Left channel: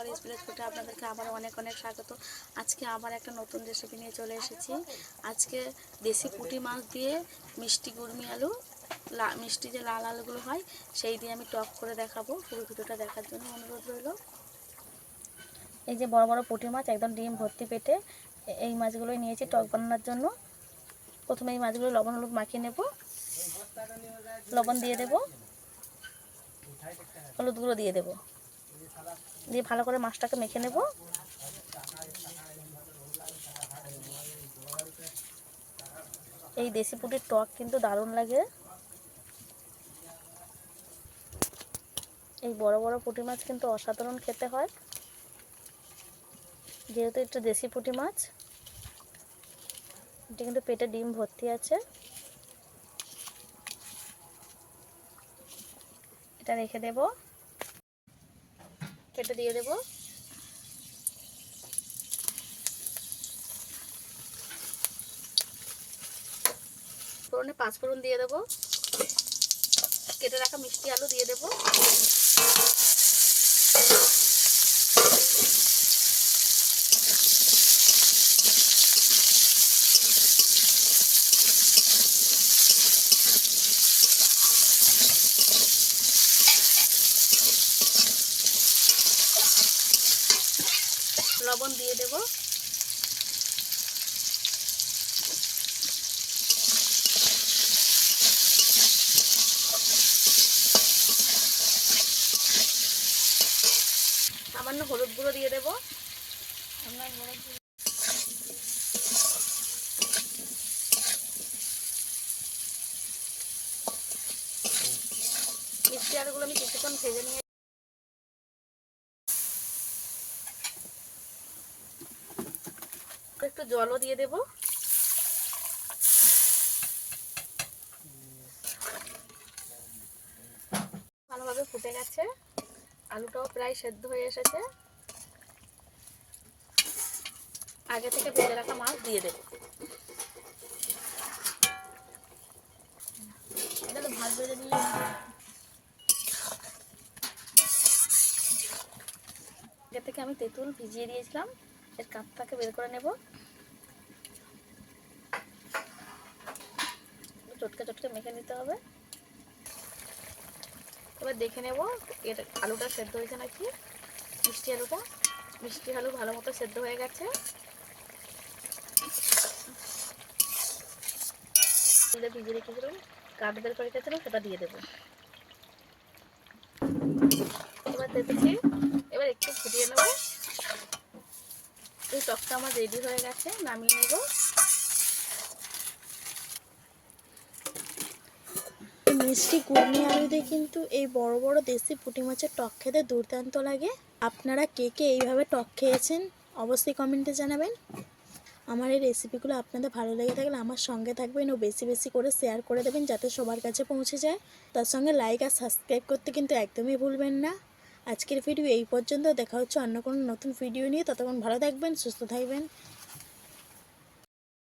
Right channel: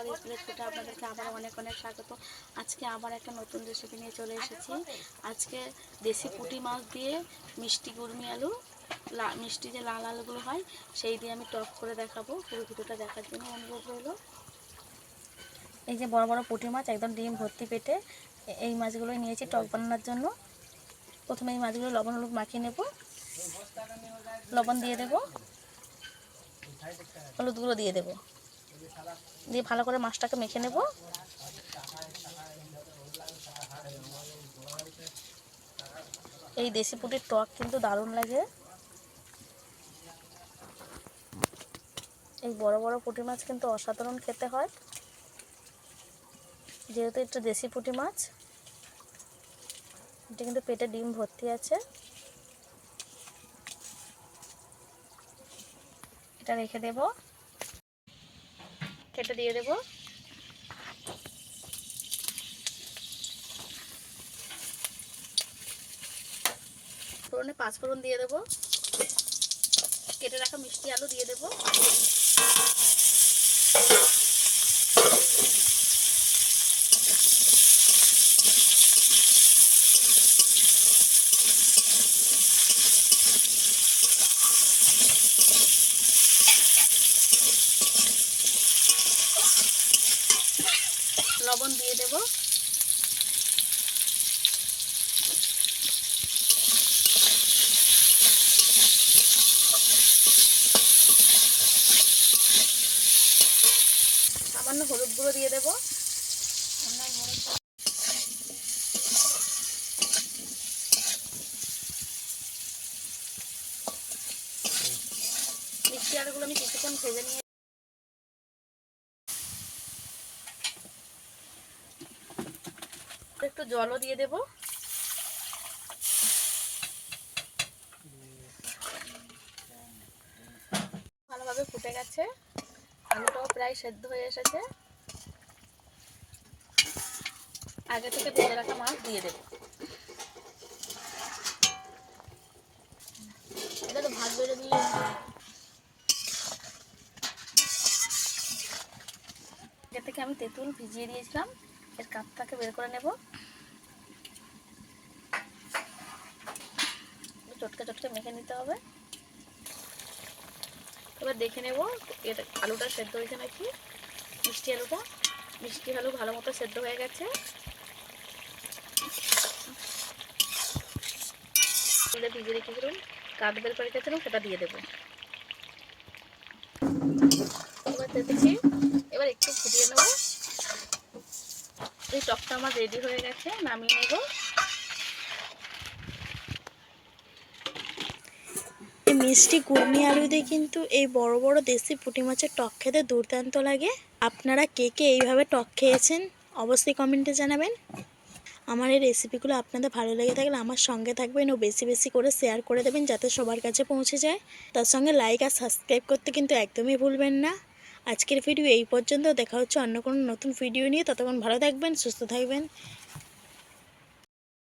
সকালে স্কুলের ফুটে আপনাদেরকে আবার অনেক অনেক স্বাগত। আজকে আবার একটা নতুন রেসিপি নিয়ে চলে এসেছি। আজকে দেশি পুঁটি মাছ দিয়ে মিষ্টি গুড়মি আলু, মিষ্টি যে লাল আলুগুলো হয় সেই দিয়ে আমি টক করে দেখাবো। পুরো ভিডিওটা দেখার জন্য অনুরোধ রইল। এই যে বড় বড় পুঁটি মাছ, একদম ডিম ভর্তি পেটে, এই মাছগুলোই নিয়েছি টক বানানোর জন্য। প্রথমে এই মাছগুলো লবণ হলুদ মাখিয়ে নেব। লবণ দিয়ে দেব, হলুদ গুঁড়ো দিয়ে দেব, দিয়ে ভালো করে মাছটাকে মেখে নেব। এই দেশি পুঁটির টক কিন্তু দারুণ লাগে। এই বড় বড় পুঁটি মাছ কিন্তু অসাধারণ খেতে হয়, যেহেতু এটা দেশি পুঁটি মাছ। এটা কিন্তু পেটে ডিম ভর্তি আছে। এটা রেখে দেব, কেটে দিয়ে দেব। ফোড়নে 5 ফোড়ন দিয়ে দেব। কেটে রাখা মিষ্টি আলু দিয়ে দেব। লবণ দিয়ে দেব। সামান্য হলুদ গুঁড়ো দিয়ে দেব। মিষ্টি আলুগুলো আমি কিছুক্ষণ ভেজে নিয়ে একটু জলও দিয়ে দেব। ভালোভাবে ফুটে গেছে, আলুটাও প্রায় সেদ্ধ হয়ে এসেছে। আগে থেকে ভেজে রাখা মাছ দিয়ে দেব। এটা তো ভাত বেড়ে দিয়ে আগে থেকে আমি তেঁতুল ভিজিয়ে দিয়েছিলাম, এর কাপটাকে বের করে নেব। চটকে চটকে মেখে নিতে হবে। এবার দেখে নেব এটা আলুটা সেদ্ধ হয়েছে নাকি। মিষ্টি আলু ভালো মতো সেদ্ধ হয়ে গেছে। ভিজিয়ে রেখেছিলাম, কাপ বের করে রেখেছিলাম, সেটা দিয়ে দেবো। এবার দেখেছি, এবার একটু ফুটিয়ে নেব। এই টকটা আমার রেডি হয়ে গেছে, নামিয়ে নেব। এই মিষ্টি গুড়মি আলু দিয়ে কিন্তু এই বড় বড় দেশি পুঁটি মাছের টক খেতে দুর্দান্ত লাগে। আপনারা কে কে এইভাবে টক খেয়েছেন অবশ্যই কমেন্টে জানাবেন। আমার এই রেসিপিগুলো আপনাদের ভালো লেগে থাকলে আমার সঙ্গে থাকবেন ও বেশি বেশি করে শেয়ার করে দেবেন, যাতে সবার কাছে পৌঁছে যায়। তার সঙ্গে লাইক আর সাবস্ক্রাইব করতে কিন্তু একদমই ভুলবেন না। আজকের ভিডিও এই পর্যন্ত, দেখা হচ্ছে অন্য কোনো নতুন ভিডিও নিয়ে। ততক্ষণ ভালো থাকবেন, সুস্থ থাকবেন।